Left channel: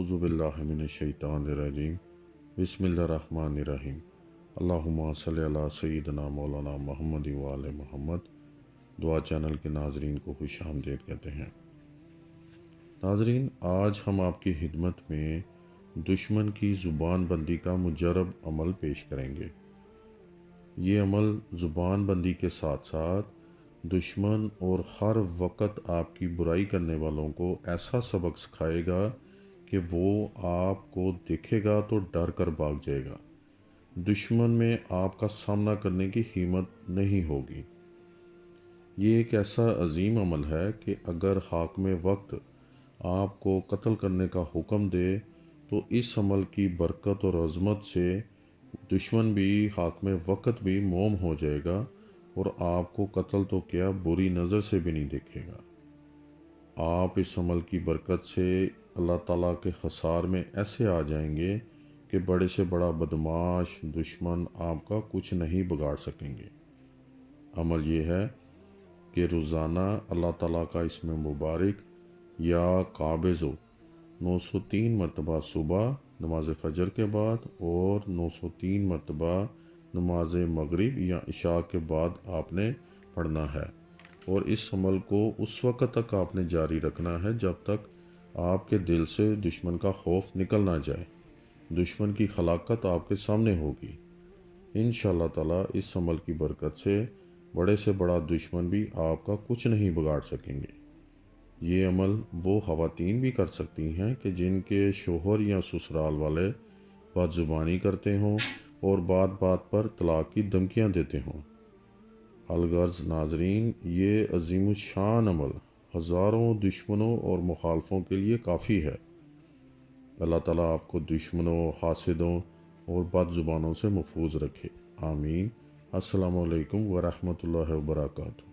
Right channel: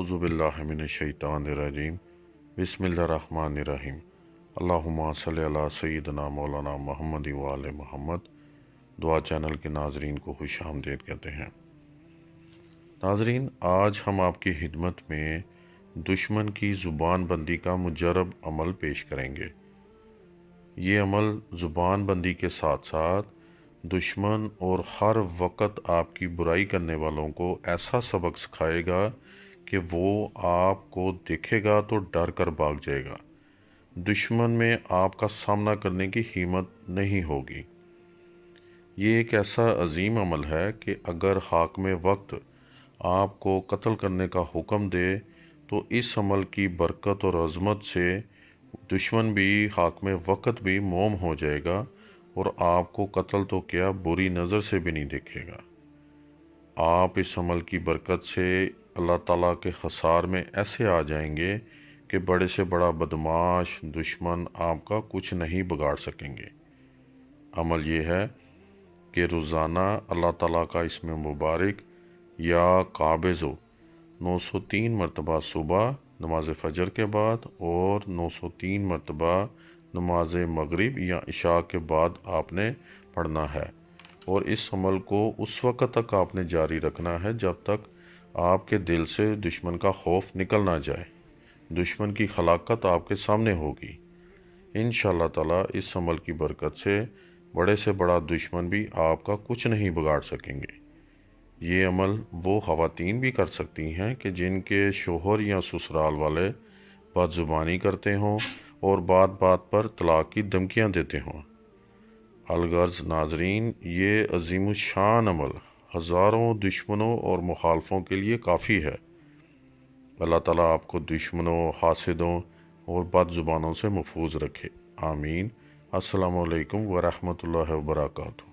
औज़ुबिल्लाहि मिनश्शैतानिर्रजीम बिस्मिल्लाहिर्रहमानिर्रहीम अल्लाहुम्मा सल्लि अला सय्यिदिना मौलाना मुहम्मद व आले मुहम्मद। दुआ चैनल के नाजरीन को खुश आमदीद कहते हैं। नाजरीन, आज हम आपकी खिदमत में दुश्मन की ज़ुबान बंदी का मुजरब अमल पेश करेंगे। ये अमल ज़ुबान बंदी के साथ साथ दुश्मन और हर वक्त आपकी बुराई करने वालों को ऐसा सबक सिखाएगा कि वो आपको देखेगा तो डर कर भाग जाएगा। दुश्मन में आपका सामना करने की हिम्मत नहीं होगी। ये एक ऐसा अजीम अमल है कि अगर हाकिम वक्त आपको कत्ल करने का हुक्म दे तो इस अमल की बरकत और अज़मत से दुश्मन भी हाकिम वक्त भी मोम हो जाएगा और आपको कत्ल तो क्या बुरी नज़र से भी नहीं देखेगा। आप इस अमल की बरकत से अल्लाह ताला के खसार में ऐसे आ जाएंगे कि बड़े से बड़ा बदमाश दुश्मन आपका कुछ नहीं बिगाड़ सकेंगे। अमल ये है कि रोज़ाना अल्लाह ताला का इसमें मुबारक या काबिज़ो 903 मरतबा सुबह नमाज फ़जर के बाद और 903 मरतबा नमाज मगरिब या इशा के बाद आपने पढ़ना है। और इस अमल को उस वक़्त तक आपने जारी रखना है जब तक आपके दिल से दुश्मन का खौफ निकल ना जाए। दुश्मन की खलाकत आपके सामने होगी। इंशाअल्लाह ताला इस अमल की बरकत से बड़े से बड़ा दुश्मन भी आपका कुछ नहीं बिगाड़ सकेंगे। ये अमल वो ख़वातीन भी कर सकती हैं कि जिनके शोहर या ससुराल वाले बदज़ुबानी करते हों और बात बात पर तलाक़ की धमकियाँ देते हों। अलगर्ज़ नाजरीन, ये अज़ीमुश्शान अमल हज़ारों दुश्मनों और मुखालफों के लिए काफ़ी है। अल्लाह ताला आपको दुश्मनों, हासिदों और बदज़ुबानों से महफूज रखे। आमीन। अस्सलामु अलैकुम व रहमतुल्लाहि व बरकातुहू।